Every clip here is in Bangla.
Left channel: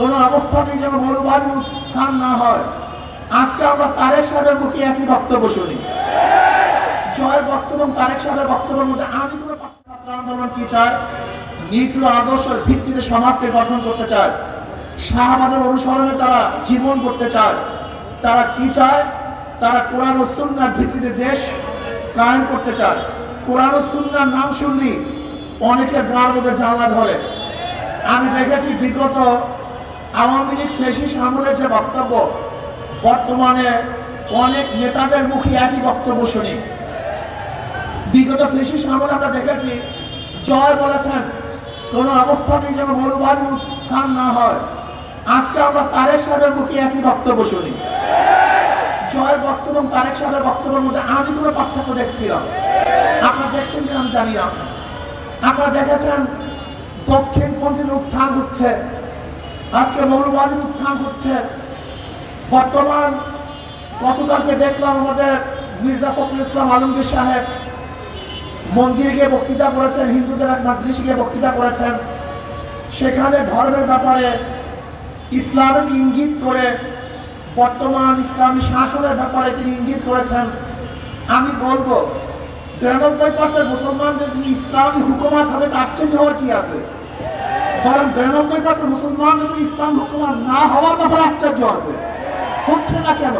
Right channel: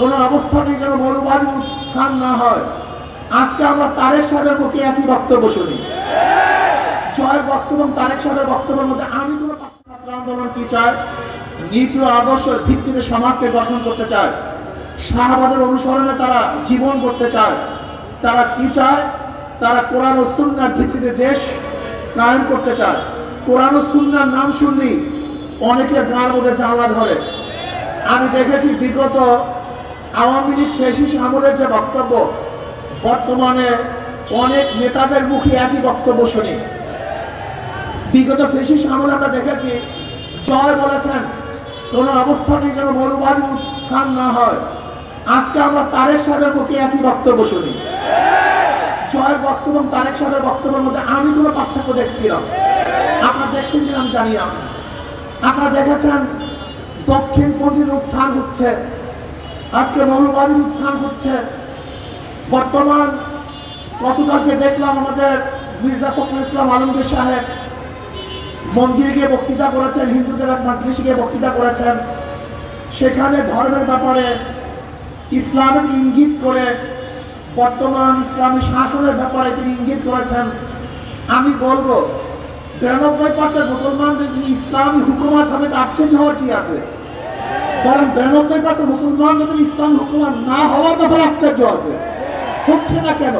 কোন অবস্থাতেই যেন মৌলবাদীর উত্থান না হয়। আজকে আমরা তারেক সাহেবের মুখে একই বক্তব্য শুনি। জয়ের বক্তব্য এবং তারেক সাহেবের বক্তব্যের মধ্যে আমি কোন ছাত্র আন্দোলন কি চায়? নীতি ও আদর্শের ভিত্তিতে সমাজকে গঠন করতে চায়, শাহবাগের অনুসরণে তারা জীবন করতে চায়। তারা কি চায়? তারা কোরআন ও সুন্নাহর ভিত্তিতে দেশ কায়েম করতে চায়। কোরআন ও সুন্নাহর নাম শুনলি অনেকের গায়ের মধ্যে জ্বালা ধরে। আমি দেখেছি বিগত আওয়ামী লীগ ফ্যাসিস্ট আমলের যে বক্তব্য, বর্তমানে অনেক নেতাদের মুখে একই বক্তব্য শুনি। বিগত ফ্যাসিস্ট আমলে আমরা দেখেছি জয় বলেছেন কোন অবস্থাতেই যেন মৌলবাদীর উত্থান না হয়। আজকে আমরা তারেক সাহেবের মুখে একই বক্তব্য শুনি। জয়ের বক্তব্য এবং তারেক সাহেবের বক্তব্যের মধ্যে আমি কোনো পার্থক্য দেখছিলাম। আপনারা দেখছেন কিনা আমি জানি না। আপনারা দেখেছেন দক্ষিণপন্থীর উত্থান হচ্ছে, আজকে মৌলবাদীর উত্থান হচ্ছে। বর্তমান গতকালকে দেখলাম আমাদের মির্জা ফখরুল ইসলাম আলমগীর সাহেব মন্দিরে গিয়ে বক্তৃতা করেছেন, হিন্দুদের এক মজলিসে গিয়ে বক্তৃতা করেছেন। সেখানে ধর্মের ব্যাপারে ইসলামের ইঙ্গিত করে বর্তমান ইসলামী শাসনের ব্যাপারে তিনি ইঙ্গিত করেছেন। আমি বলবো ৯২% মুসলমান যদি ইসলামী হুকুমত হবে তার চেঞ্জ হওয়ার কি আছে? বরং ৯২% মুসলমান যদি ইসলাম হুকুমত না হওয়ার ব্যাপারে আশ্চর্য আছে। হচ্ছে না কেন?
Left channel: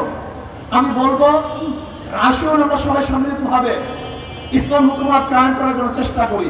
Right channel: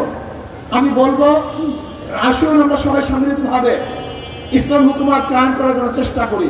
আমি বলবো আসুন আমরা সবাই সম্মিলিতভাবে ইসলাম হুকুমত কায়েম করার জন্য চেষ্টা করি।